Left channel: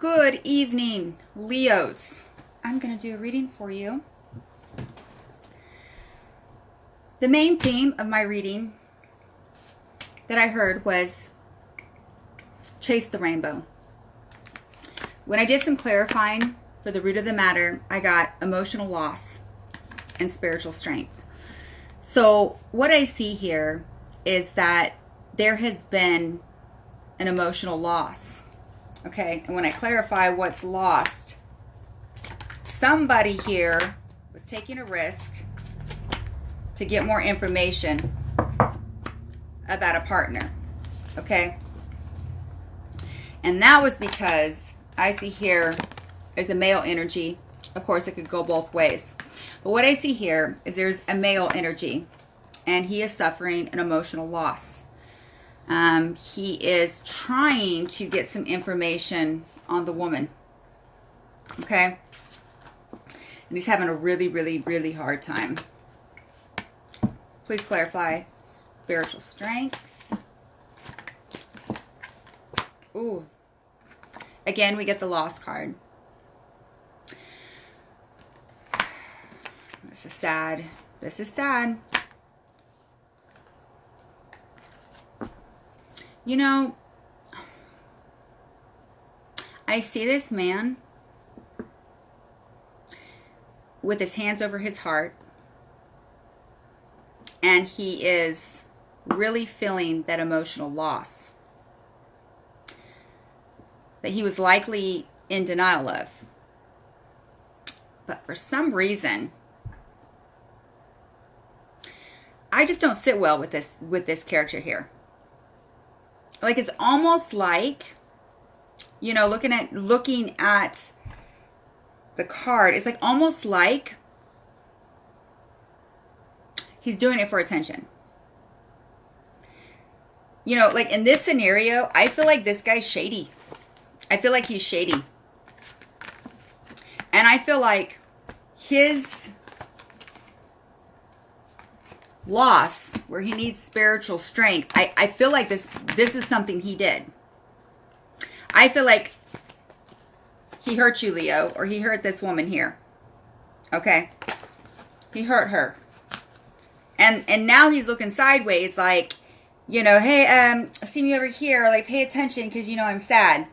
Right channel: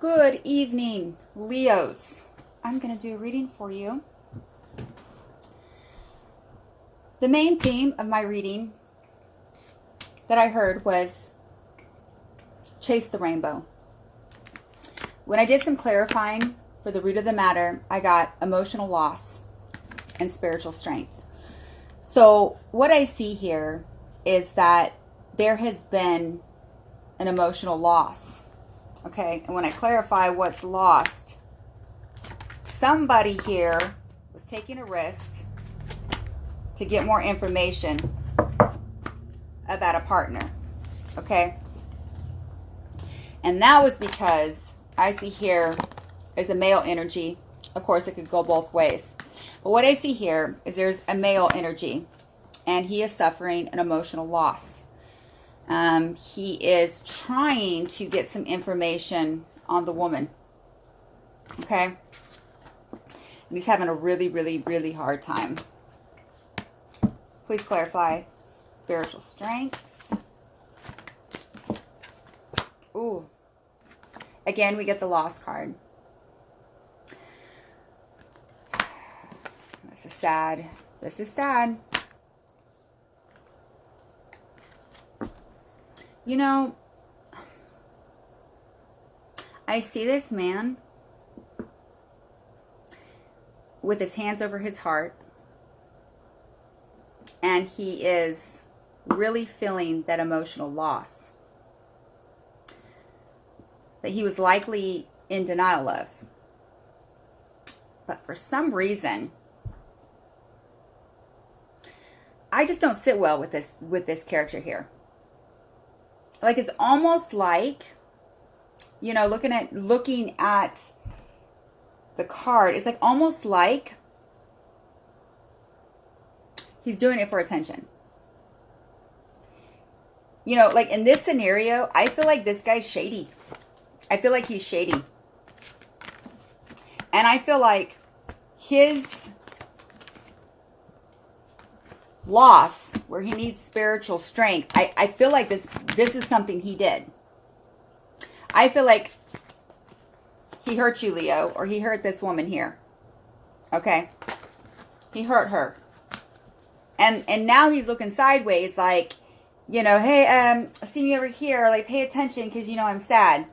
Good evening, Leos. I'm going to do a reading for you. The main theme of my reading that I heard was chase the rainbow. When I did some clarifying for the root of the matter, I got emotional loss and spiritual strength. So what I see here is that there has been an emotional loss. Okay, and when I clarify what's lost, somebody here was taking a risk to get more information about a partner. Okay, and that was because I see here is a male energy. Of course, it could go both ways. But what I see here is there's a male energy, and he is suffering an emotional loss. He is trying to get some information on the woman. Okay? And he's having a really, really, really hard time. Please clarify spiritual strength. Ooh. Again, we get the loss card. This is sad. This is sad. You know, I see this man with his hands over his heart, and he is really feeling that emotional loss that he was likely in denial of. But for some reason, I just don't sit well with this character here. Like, it's almost like, you know, looking at the card, it's like almost like he's doing it for attention. You know, like in this scenario, I feel like this guy's shady. I feel like he's shady. And I feel like his loss, where he needs spiritual strength, I feel like this is something he did. I feel like he hurt you, Leo, or he hurt this woman here. Okay? He hurt her. And now he's looking sideways like, you know, hey, see me over here, like pay attention because you know I'm sad.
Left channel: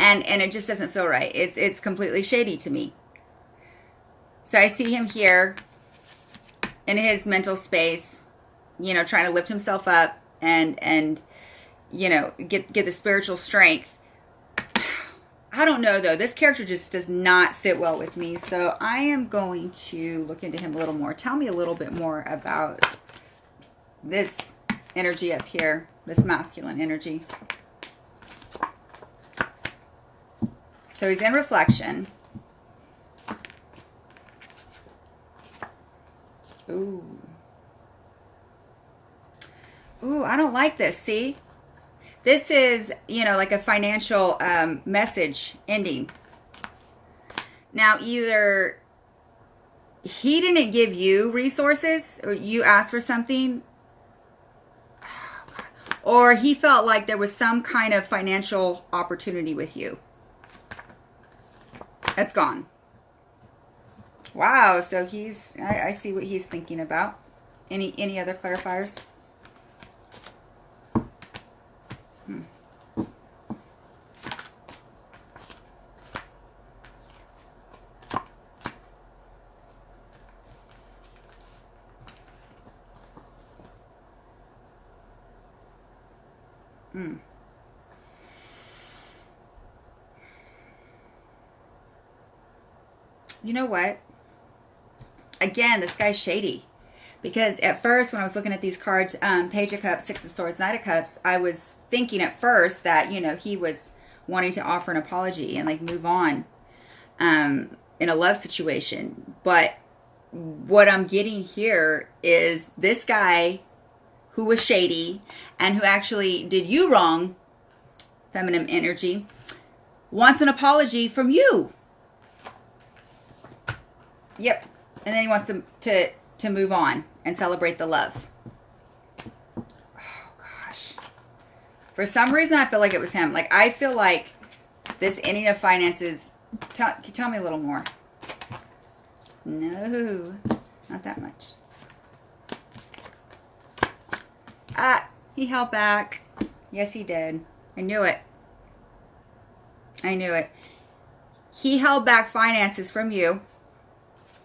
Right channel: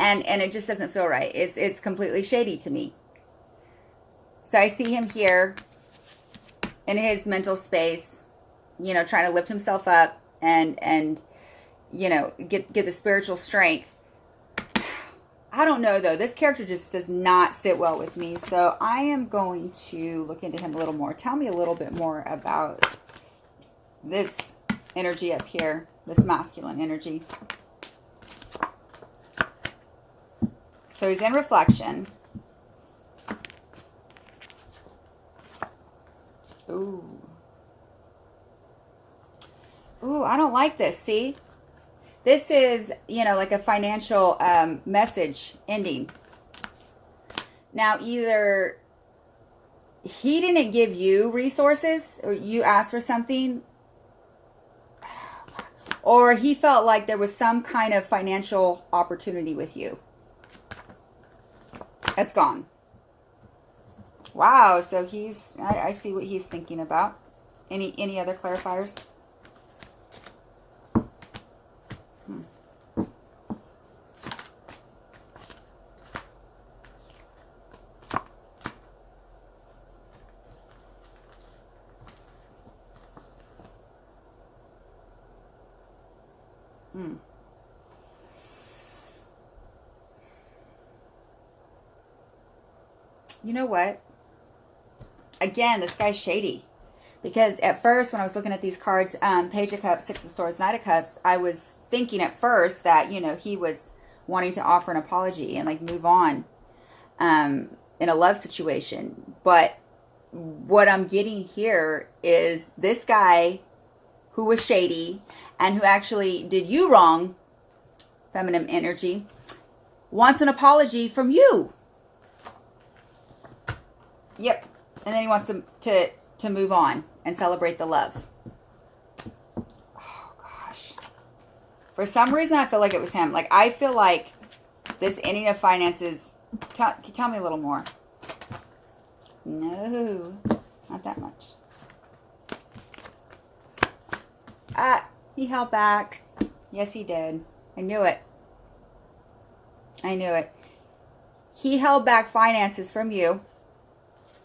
And it just doesn't feel right. It's completely shady to me. So I see him here in his mental space, you know, trying to lift himself up and you know, get the spiritual strength. I don't know, though. This character just does not sit well with me. So I am going to look into him a little more. Tell me a little bit more about this energy up here, this masculine energy. So he's in reflection. Ooh. Ooh, I don't like this. See? This is, you know, like a financial message ending. Now, either he didn't give you resources, or you asked for something, or he felt like there was some kind of financial opportunity with you. That's gone. Wow, so I see what he's thinking about. Any other clarifiers? You know what? Again, this guy's shady. Because at first, when I was looking at these cards, Page of Cups, Six of Swords, Knight of Cups, I was thinking at first that, you know, he was wanting to offer an apology and, like, move on in a love situation. But what I'm getting here is this guy who was shady and who actually did you wrong, feminine energy, wants an apology from you. Yep. And then he wants to move on and celebrate the love. Oh, gosh. For some reason, I feel like it was him. Like, I feel like This ending of finances, tell me a little more. No, not that much. He held back. Yes, he did. I knew it. I knew it. He held back finances from you,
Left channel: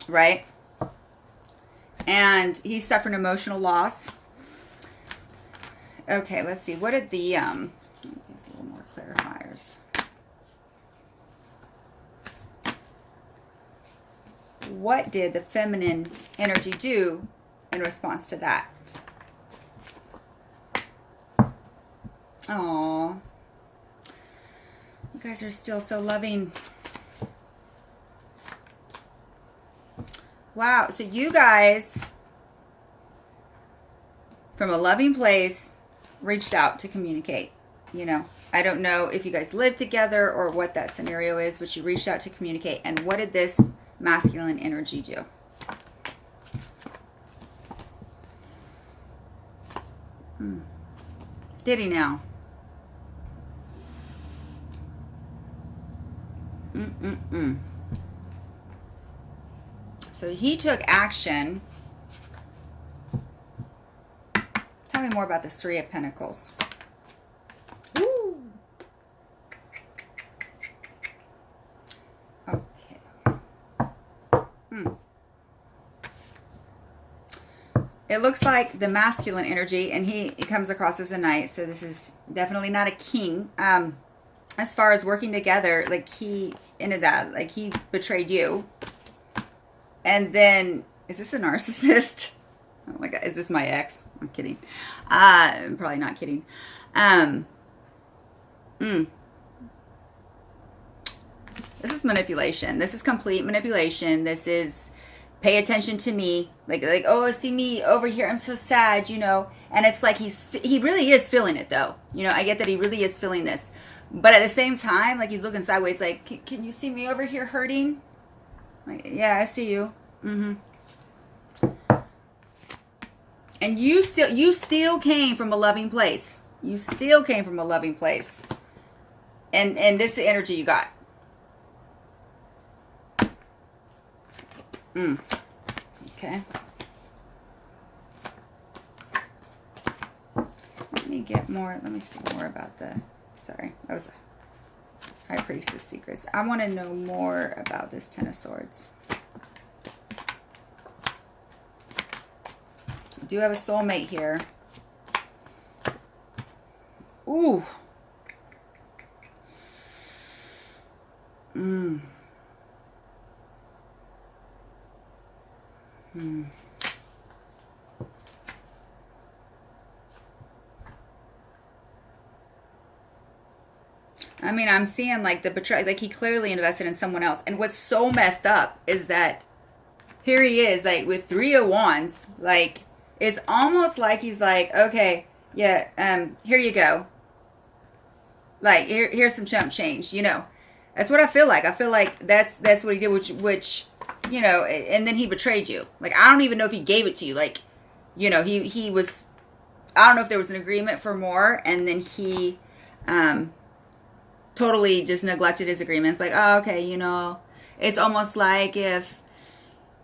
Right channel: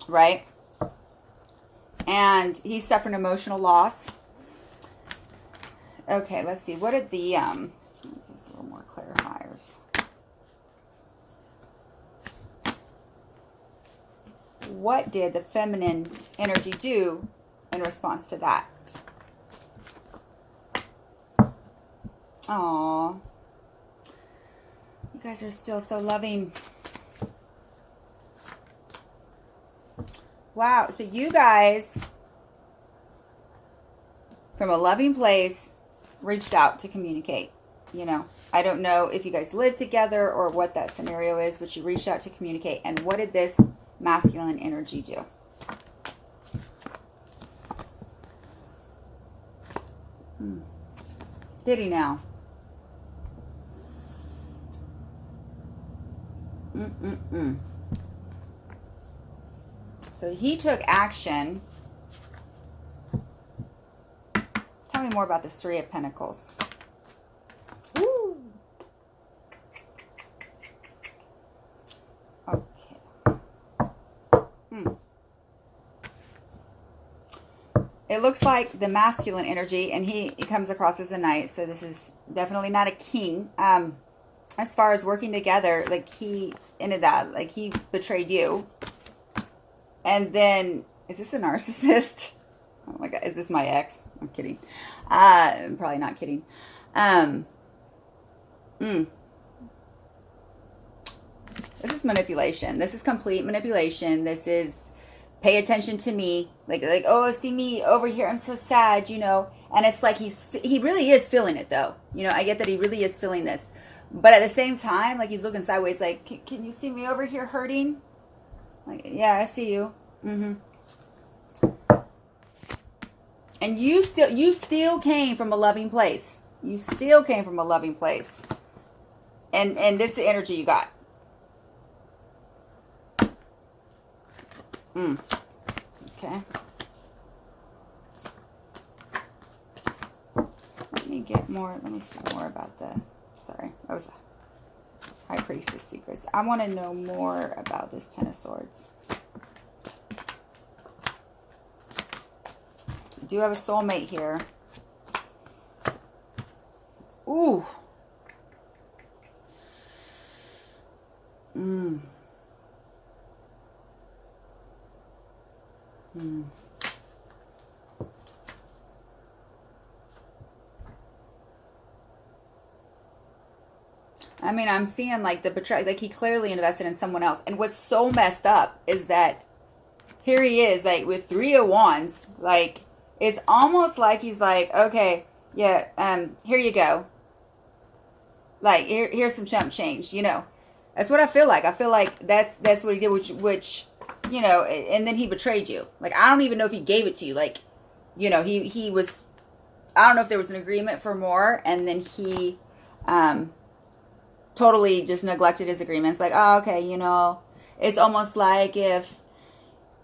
right? And he suffered emotional loss. Okay, let's see. What did the, let me get a little more clarifiers. What did the feminine energy do in response to that? Aw. You guys are still so loving. Wow. So you guys, from a loving place, reached out to communicate. You know, I don't know if you guys live together or what that scenario is, but you reached out to communicate. And what did this masculine energy do? Did he now? So he took action. Tell me more about this Three of Pentacles. Woo. Okay. It looks like the masculine energy, and he comes across as a knight, so this is definitely not a king. As far as working together, like he into that, like he betrayed you. And then, is this a narcissist? Oh my God, is this my ex? I'm kidding. I'm probably not kidding. This is manipulation. This is complete manipulation. This is pay attention to me. Like, oh, see me over here. I'm so sad, you know. And it's like he really is feeling it though. You know, I get that he really is feeling this. But at the same time, like he's looking sideways, like, can you see me over here hurting? Like, yeah, I see you. And you still came from a loving place. You still came from a loving place. And this is the energy you got. Okay. Let me get more. Let me see more about the. Sorry, that was a High Priestess secrets. I want to know more about this Ten of Swords. I do have a soulmate here. Ooh. I mean, I'm seeing like the betrayal, like he clearly invested in someone else. And what's so messed up is that here he is, like with 3 of Wands, like it's almost like he's like, okay, yeah, here you go. Like here's some chump change, you know. That's what I feel like. I feel like that's what he did, which you know, and then he betrayed you. Like I don't even know if he gave it to you. Like, you know, he was, I don't know if there was an agreement for more, and then he totally just neglected his agreements. Like, oh, okay, you know, it's almost like if,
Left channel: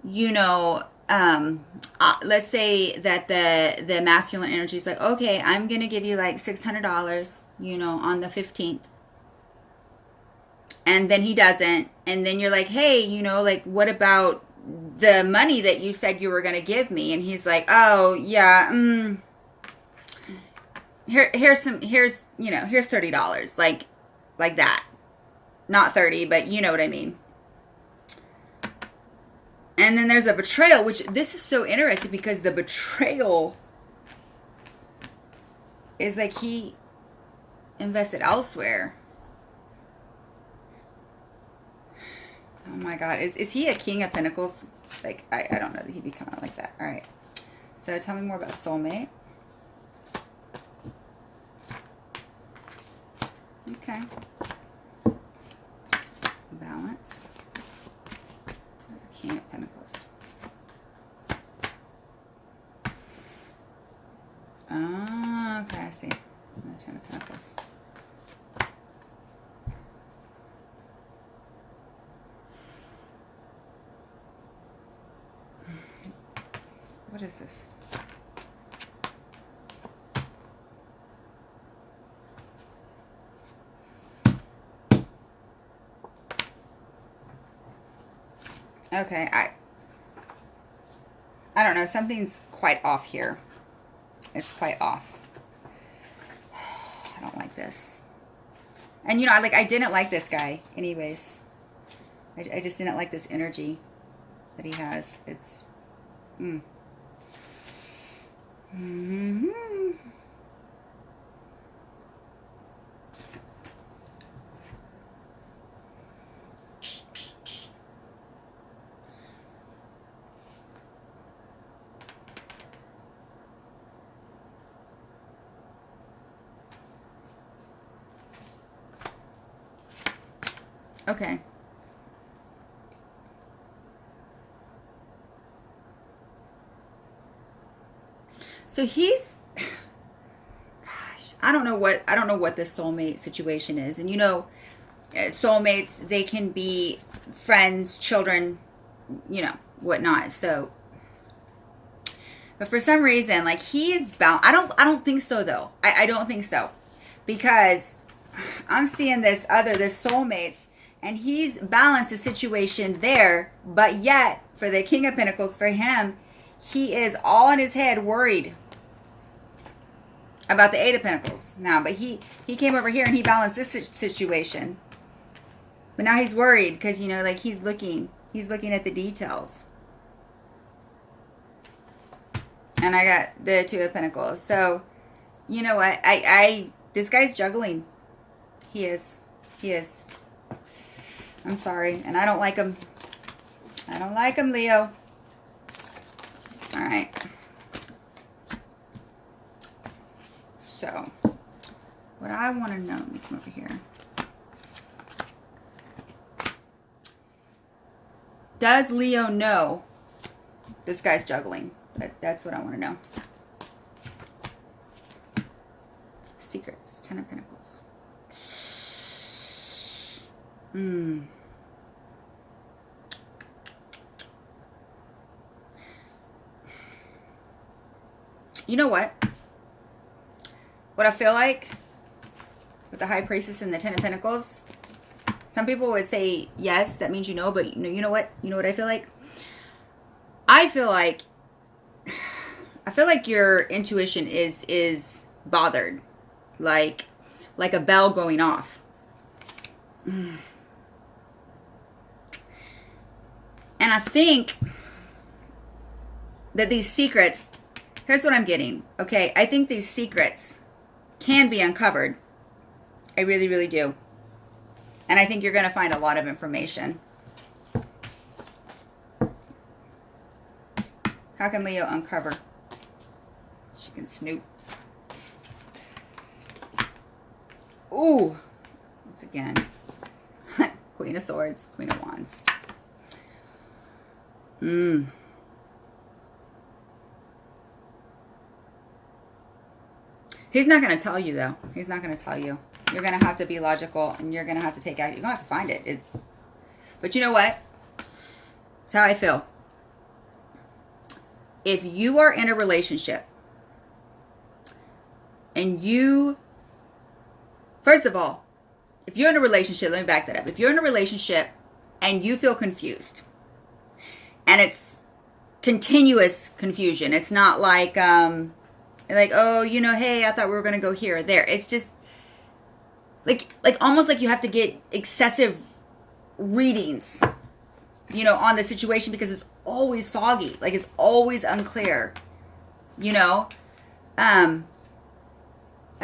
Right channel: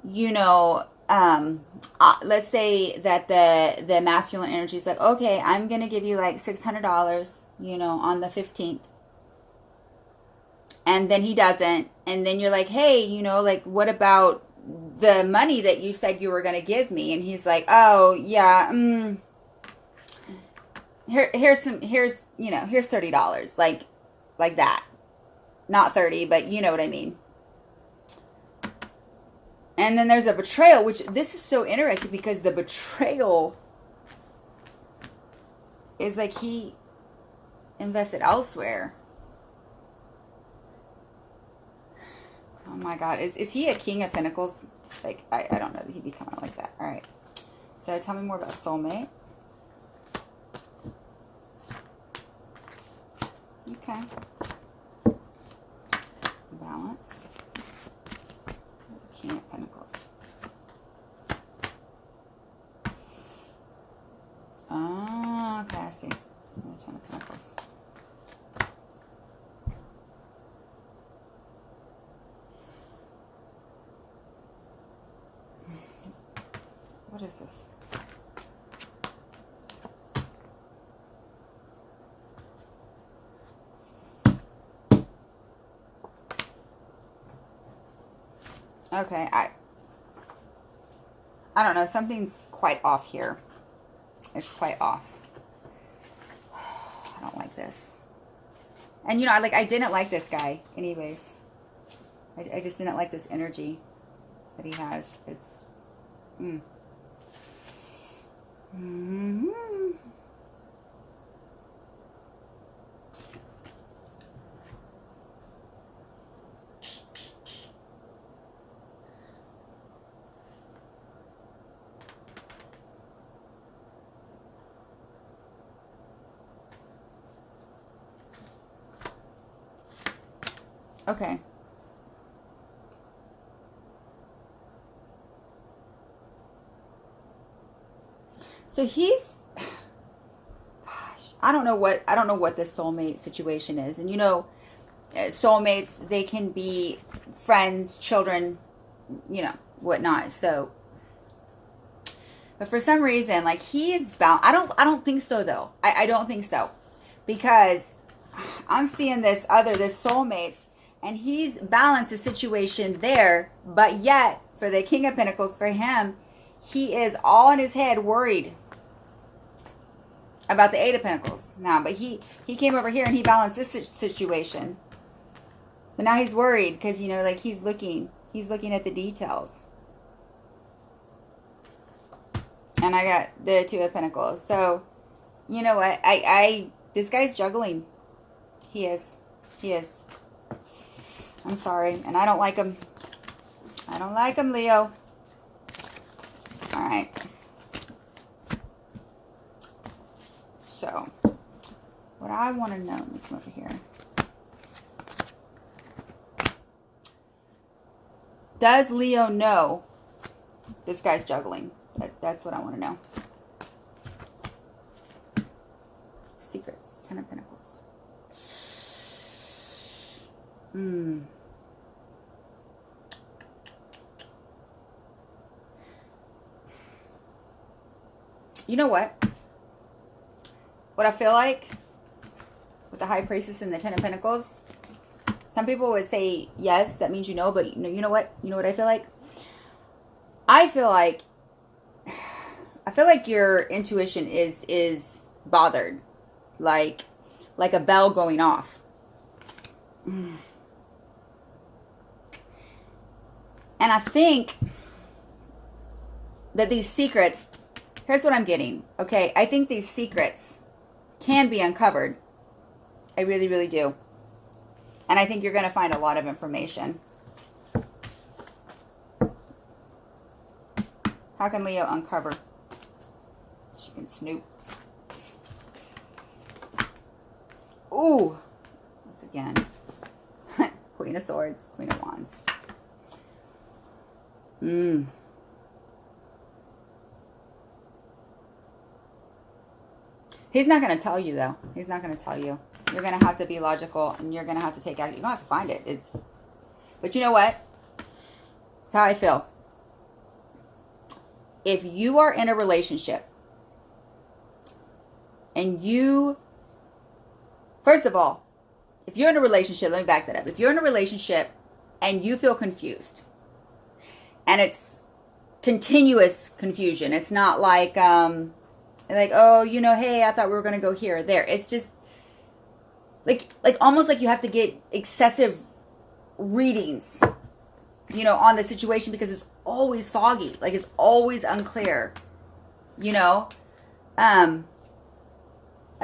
you know, let's say that the masculine energy is like, okay, I'm gonna give you like $600, you know, on the 15th, and then he doesn't, and then you're like, hey, you know, like what about the money that you said you were gonna give me? And he's like, oh yeah, here's $30, like that, not 30, but you know what I mean. And then there's a betrayal, which this is so interesting because the betrayal is like he invested elsewhere. Oh my God. Is he a King of Pentacles? Like, I don't know that he'd be coming out like that. All right. So tell me more about soulmate. Okay. Balance. There's a King of Pentacles. Ah, okay, I see. The Ten of Pentacles. What is this? Okay, I don't know. Something's quite off here. It's quite off. I don't like this. And you know, I didn't like this guy anyways. I just didn't like this energy that he has. It's Mm-hmm. Okay. So he's, gosh, I don't know what this soulmate situation is. And you know, soulmates, they can be friends, children, you know, whatnot. So, but for some reason, like he's bound. I don't think so though. I don't think so, because I'm seeing this soulmates, and he's balanced a situation there, but yet for the King of Pentacles, for him, he is all in his head worried about the Eight of Pentacles now. But he came over here and he balanced this situation. But now he's worried because, you know, like he's looking at the details. And I got the Two of Pentacles. So, you know what? This guy's juggling. He is. I'm sorry. And I don't like him. I don't like him, Leo. All right. So, what I want to know, let me come over here. Does Leo know this guy's juggling? That's what I want to know. Secrets, Ten of Pentacles. You know what? What I feel like with the High Priestess and the Ten of Pentacles, some people would say yes, that means you know, but you know what? You know what I feel like? I feel like your intuition is bothered, like a bell going off. And I think that these secrets, here's what I'm getting, okay? I think these secrets can be uncovered. I really, really do. And I think you're going to find a lot of information. How can Leo uncover? She can snoop. Ooh. Once again. Queen of Swords, Queen of Wands. He's not going to tell you, though. He's not going to tell you. You're going to have to be logical, and you're going to have to take action. You're going to have to find it. But you know what? It's how I feel. If you are in a relationship, and you, first of all, if you're in a relationship, let me back that up. If you're in a relationship and you feel confused, and it's continuous confusion, it's not like, oh, you know, hey, I thought we were going to go here or there. It's just like almost like you have to get excessive readings, you know, on the situation, because it's always foggy. Like it's always unclear, you know. That's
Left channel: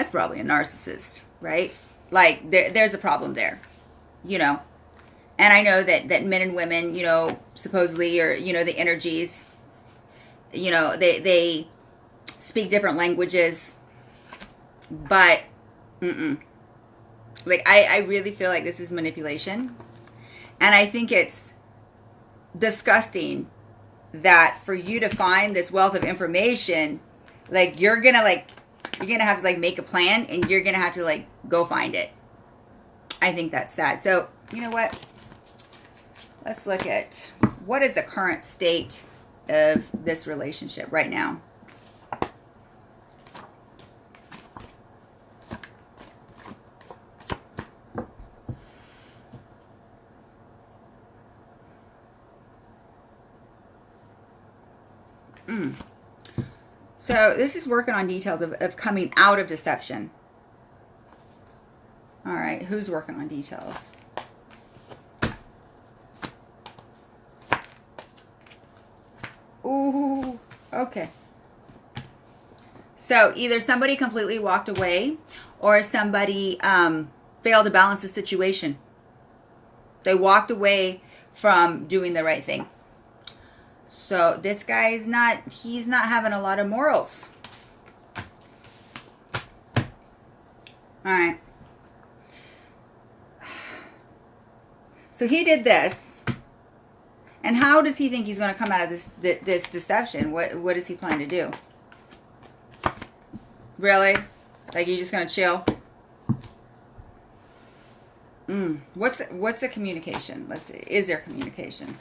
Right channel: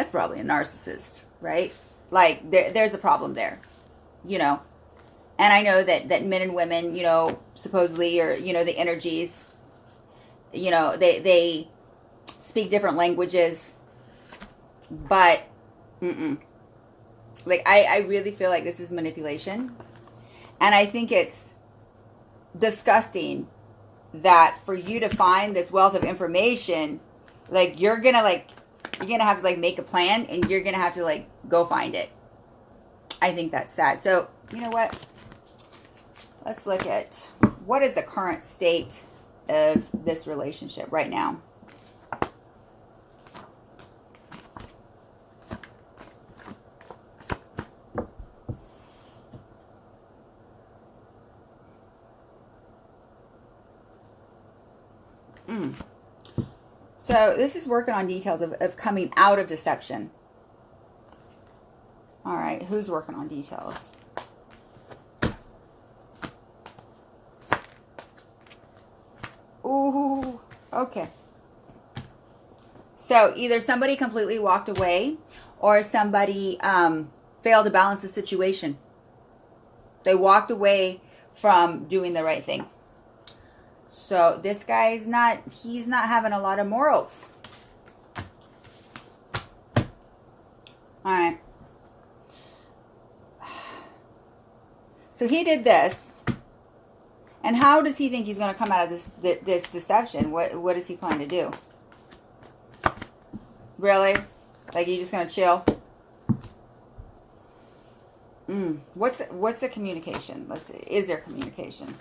probably a narcissist, right? Like there's a problem there, you know. And I know that men and women, you know, supposedly, or, you know, the energies, you know, they speak different languages, but like I really feel like this is manipulation. And I think it's disgusting that for you to find this wealth of information, like you're gonna have to like make a plan, and you're gonna have to like go find it. I think that's sad. So you know what? Let's look at what is the current state of this relationship right now. So this is working on details of coming out of deception. All right, who's working on details? Ooh, okay. So either somebody completely walked away or somebody failed to balance the situation. They walked away from doing the right thing. So this guy's he's not having a lot of morals. All right. So he did this. And how does he think he's going to come out of this deception? What does he plan to do? Really? Like, you just going to chill? What's the communication? Let's see. Is there communication?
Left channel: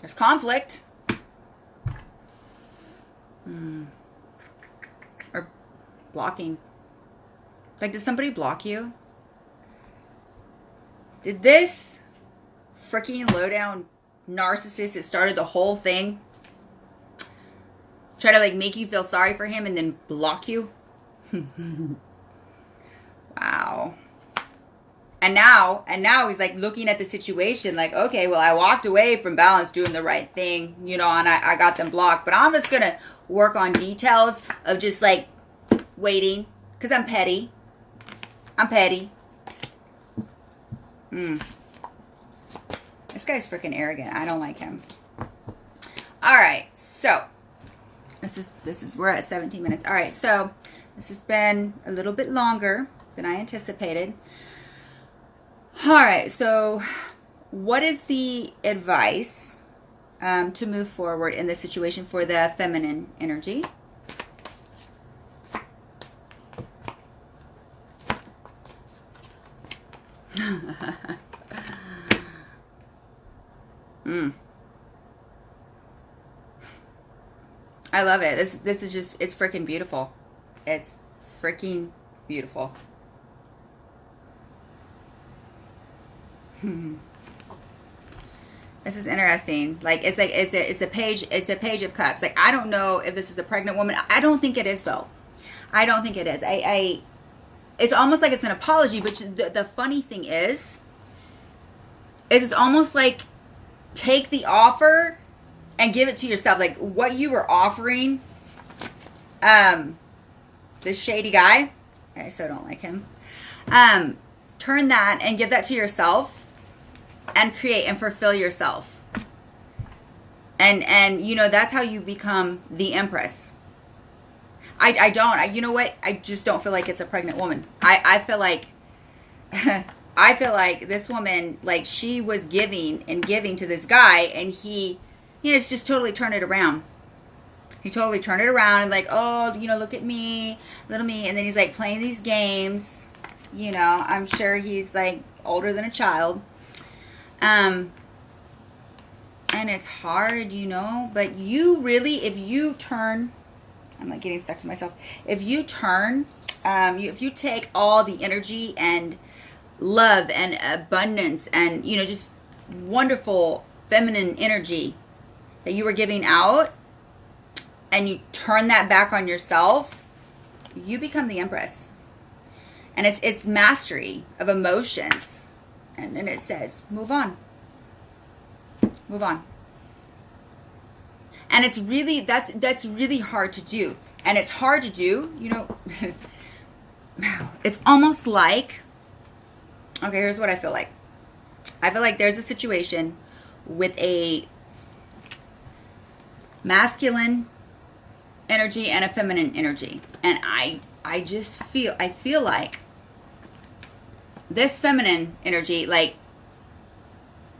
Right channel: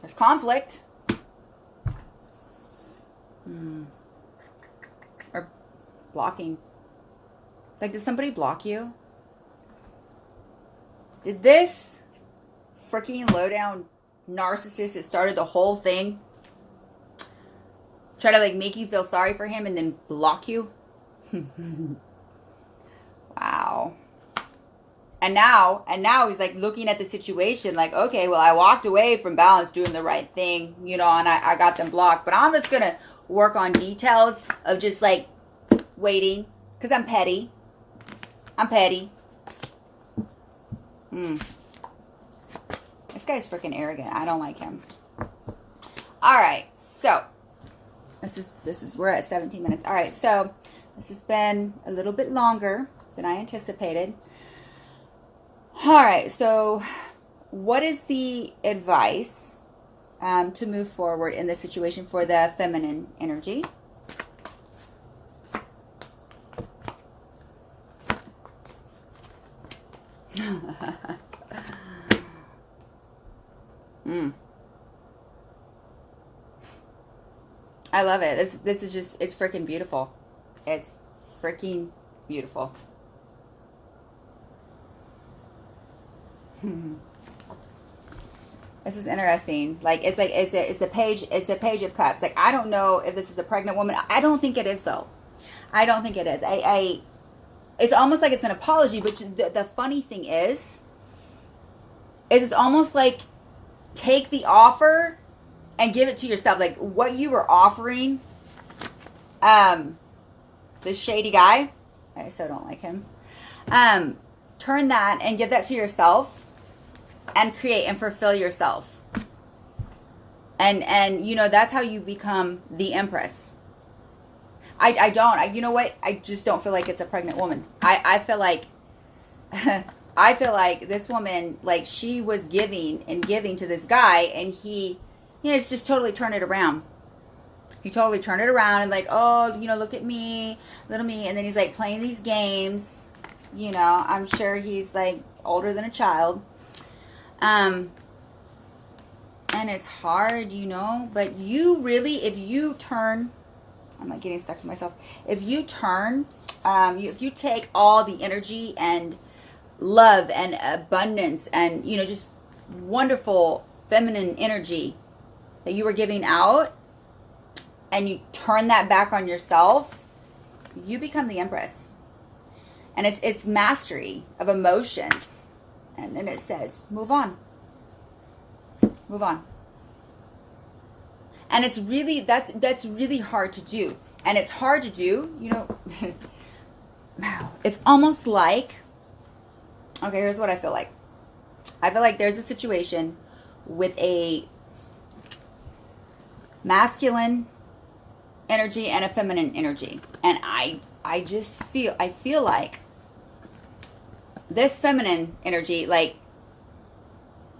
There's conflict. Or blocking. Like, did somebody block you? Did this freaking low-down narcissist that started the whole thing try to, like, make you feel sorry for him and then block you? Wow. And now he's like looking at the situation like, okay, well, I walked away from balance doing the right thing, you know, and I got them blocked. But I'm just going to work on details of just like waiting because I'm petty. I'm petty. This guy's freaking arrogant. I don't like him. All right. So this is we're at 17 minutes. All right. So this has been a little bit longer than I anticipated. All right, so what is the advice to move forward in this situation for the feminine energy? I love it. This is just, it's freaking beautiful. It's freaking beautiful. This is interesting. Like it's a page of cups. Like, I don't know if this is a pregnant woman. I don't think it is though. I don't think it is. It's almost like it's an apology, but the funny thing is it's almost like take the offer and give it to yourself. Like what you were offering, this shady guy, I so don't like him. Turn that and give that to yourself and create and fulfill yourself. And you know, that's how you become the empress. You know what? I just don't feel like it's a pregnant woman. I feel like I feel like this woman, like she was giving to this guy, and he, you know, just totally turned it around. He totally turned it around and like, oh, you know, look at me, little me. And then he's like playing these games. You know, I'm sure he's like older than a child. And it's hard, you know, but you really, if you turn, I'm like getting stuck to myself. If you turn, if you take all the energy and love and abundance and, you know, just wonderful feminine energy that you were giving out and you turn that back on yourself, you become the empress. And it's mastery of emotions. And then it says, move on. Move on. And it's really, that's really hard to do. And it's hard to do, you know, it's almost like, okay, here's what I feel like. I feel like there's a situation with a masculine energy and a feminine energy. And I just feel like this feminine energy, like,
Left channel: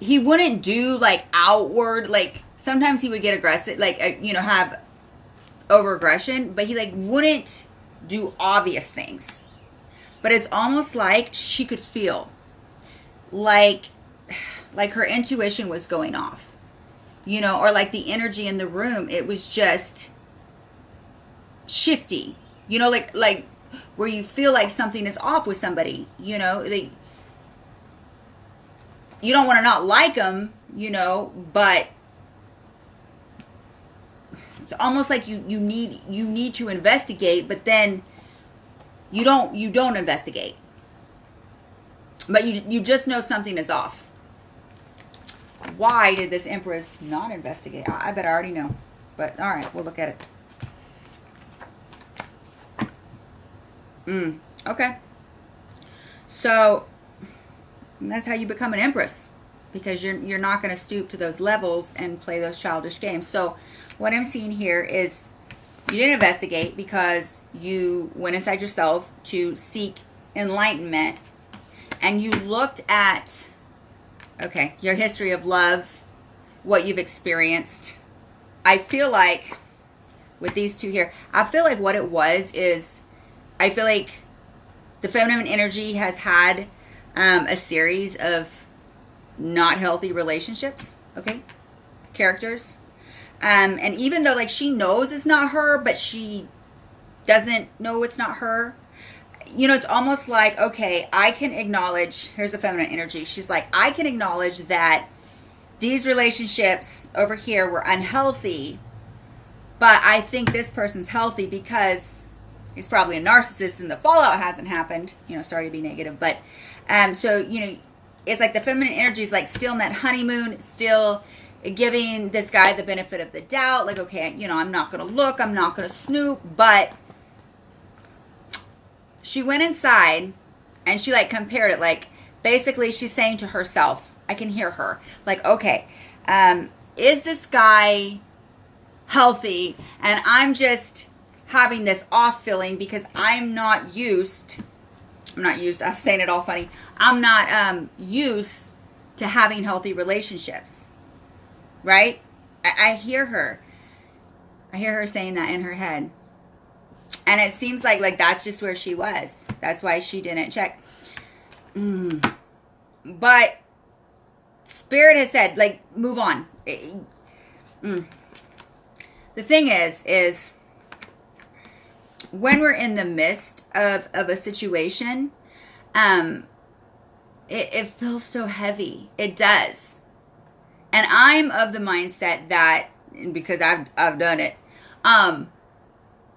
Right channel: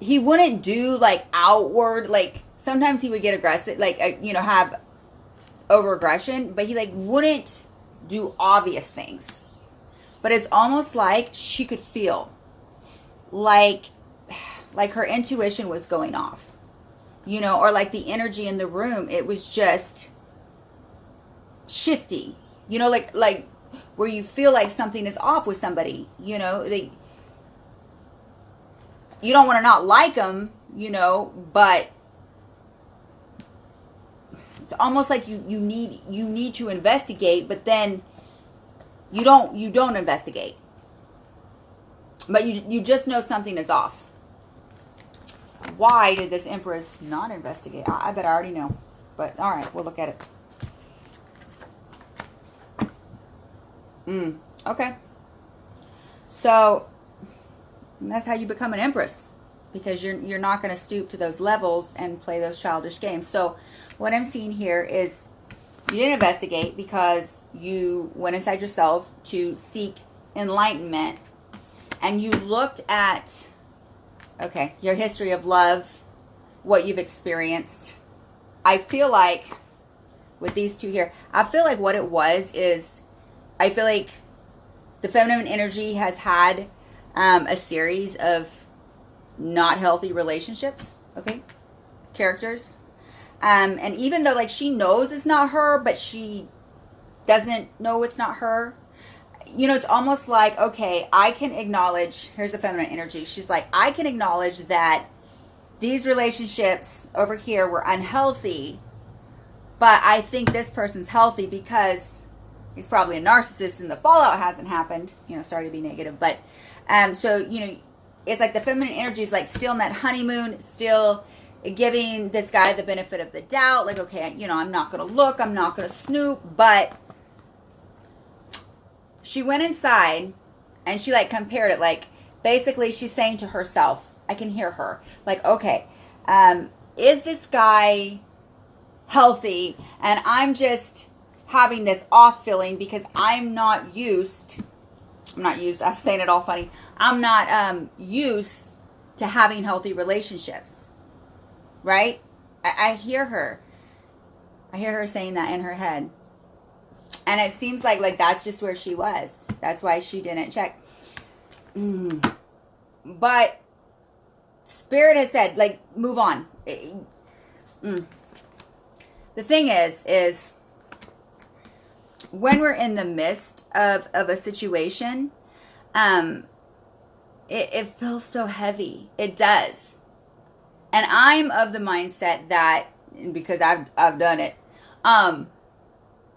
he wouldn't do, like, outward, like, sometimes he would get aggressive, like, you know, have over aggression, but he like wouldn't do obvious things. But it's almost like she could feel like her intuition was going off, you know, or like the energy in the room, it was just shifty, you know, like where you feel like something is off with somebody, you know, you don't want to not like them, you know, but it's almost like you need to investigate, but then you don't investigate, but you just know something is off. Why did this Empress not investigate? I bet I already know, but all right, we'll look at it. Okay, so that's how you become an Empress, because you're not going to stoop to those levels and play those childish games. So what I'm seeing here is you didn't investigate because you went inside yourself to seek enlightenment, and you looked at, okay, your history of love, what you've experienced. I feel like with these two here, I feel like what it was is, I feel like the feminine energy has had a series of not healthy relationships, okay, characters. And even though like she knows it's not her, but she doesn't know it's not her. You know, it's almost like, okay, I can acknowledge, here's the feminine energy. She's like, I can acknowledge that these relationships over here were unhealthy, but I think this person's healthy because he's probably a narcissist and the fallout hasn't happened. You know, sorry to be negative, but so, you know, it's like the feminine energy is like still in that honeymoon, still giving this guy the benefit of the doubt. Like, okay, you know, I'm not going to look, I'm not going to snoop, but she went inside and she like compared it. Like basically she's saying to herself, I can hear her, like, okay, is this guy healthy? And I'm just having this off feeling because I'm saying it all funny. I'm not used to having healthy relationships, right? I hear her. I hear her saying that in her head. And it seems like that's just where she was. That's why she didn't check. But Spirit has said, like, move on. The thing is when we're in the midst of a situation, it feels so heavy. It does. And I'm of the mindset that, because I've done it,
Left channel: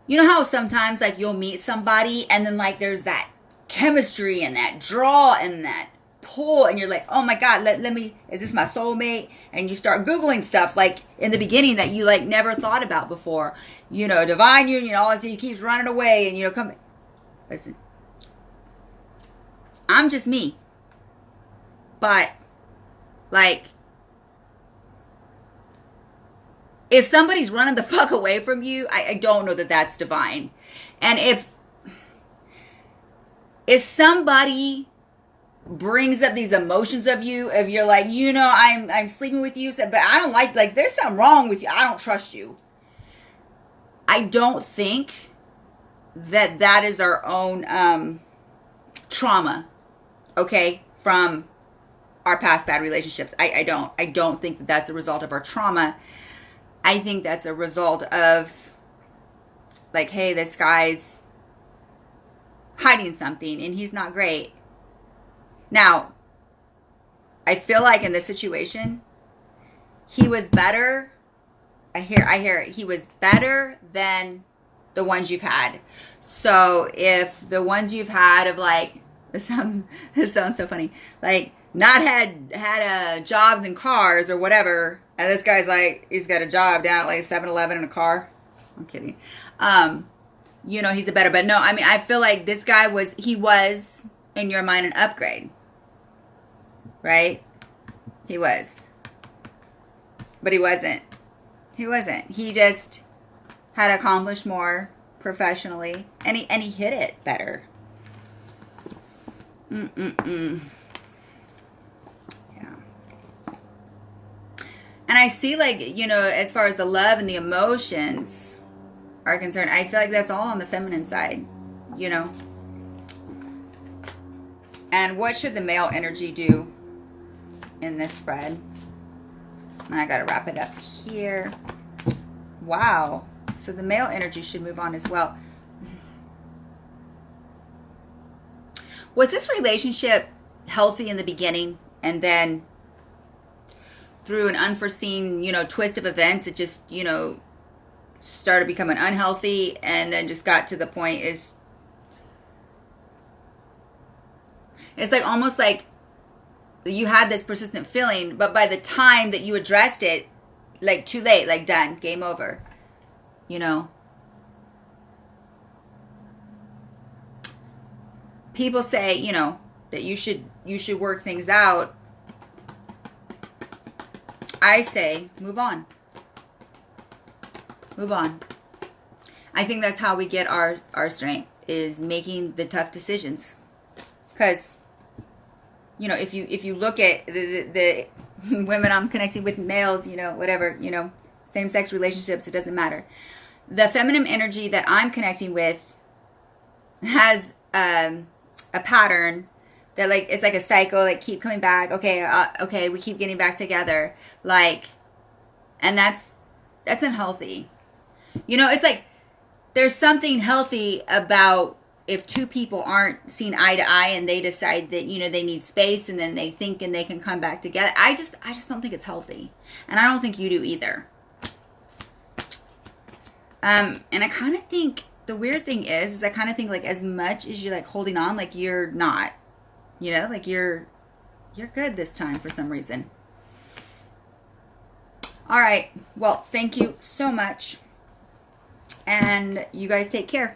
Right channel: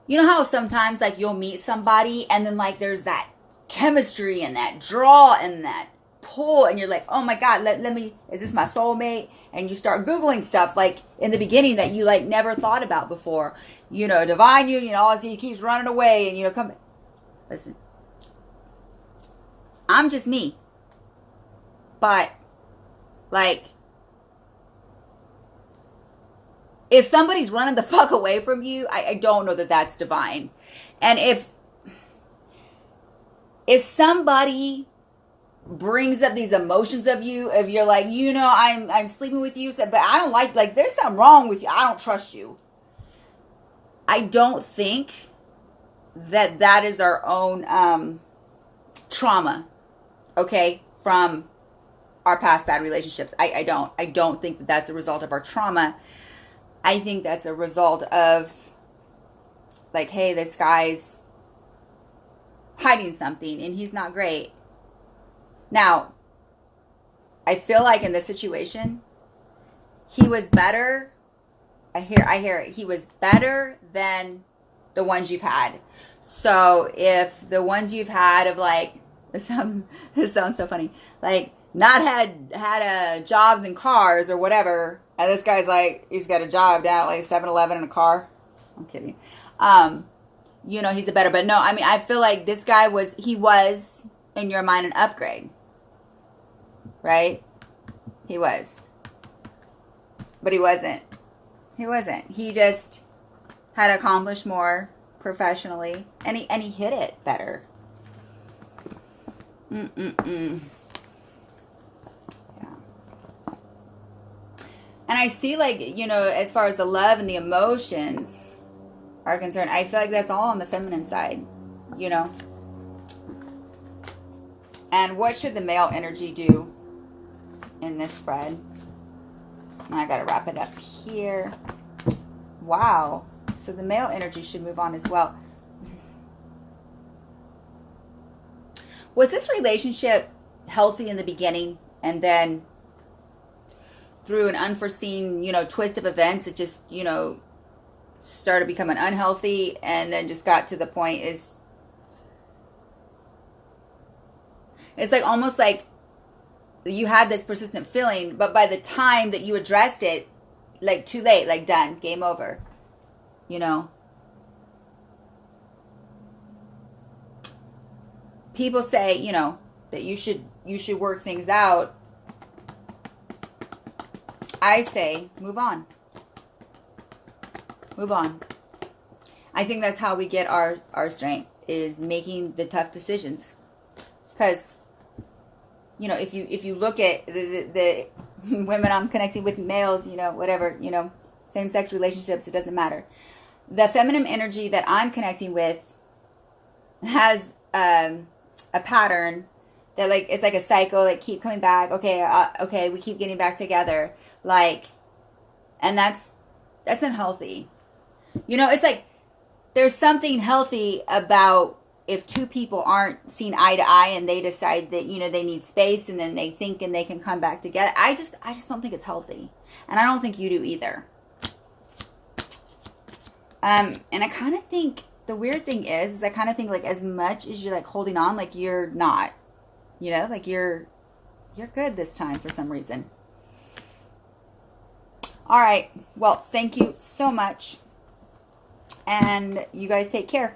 you know how sometimes like you'll meet somebody and then like there's that chemistry and that draw and that pull and you're like, oh my God, let me, is this my soulmate? And you start Googling stuff like in the beginning that you like never thought about before. You know, divine union, all I see, he keeps running away and, you know, come. Listen, I'm just me. But like, if somebody's running the fuck away from you, I don't know that that's divine. And if somebody brings up these emotions of you, if you're like, you know, I'm sleeping with you, but I don't like there's something wrong with you, I don't trust you. I don't think that is our own trauma, okay, from our past bad relationships. I don't think that that's a result of our trauma. I think that's a result of like, hey, this guy's hiding something and he's not great. Now, I feel like in this situation, he was better. I hear it. He was better than the ones you've had. So if the ones you've had of like, this sounds so funny, like not had jobs and cars or whatever, and this guy's like, he's got a job down at like 7-Eleven in a car. I'm kidding. You know, he's a better, but no, I mean, I feel like this guy was in your mind an upgrade, right? He was, but he wasn't. He just had accomplished more professionally, and he hit it better. And I see, like, you know, as far as the love and the emotions are concerned. I feel like that's all on the feminine side, you know. And what should the male energy do in this spread? And I got to wrap it up here. Wow. So the male energy should move on as well. Was this relationship healthy in the beginning, and then through an unforeseen, you know, twist of events, it just, you know, started becoming unhealthy, and then just got to the point is, it's like almost like you had this persistent feeling, but by the time that you addressed it, like too late, like done, game over, you know. People say, you know, that you should work things out. I say, move on. Move on. I think that's how we get our strength, is making the tough decisions. Because, you know, if you look at the women I'm connecting with, males, you know, whatever, you know, same-sex relationships, it doesn't matter. The feminine energy that I'm connecting with has a pattern that, like, it's like a cycle, like, keep coming back. Okay, we keep getting back together, like, and that's unhealthy. You know, it's like there's something healthy about if two people aren't seen eye to eye and they decide that, you know, they need space, and then they think and they can come back together. I just don't think it's healthy, and I don't think you do either. And I kind of think the weird thing is I kind of think, like, as much as you're, like, holding on, like, you're not, you know, like, you're good this time for some reason. All right. Well, thank you so much. And you guys take care.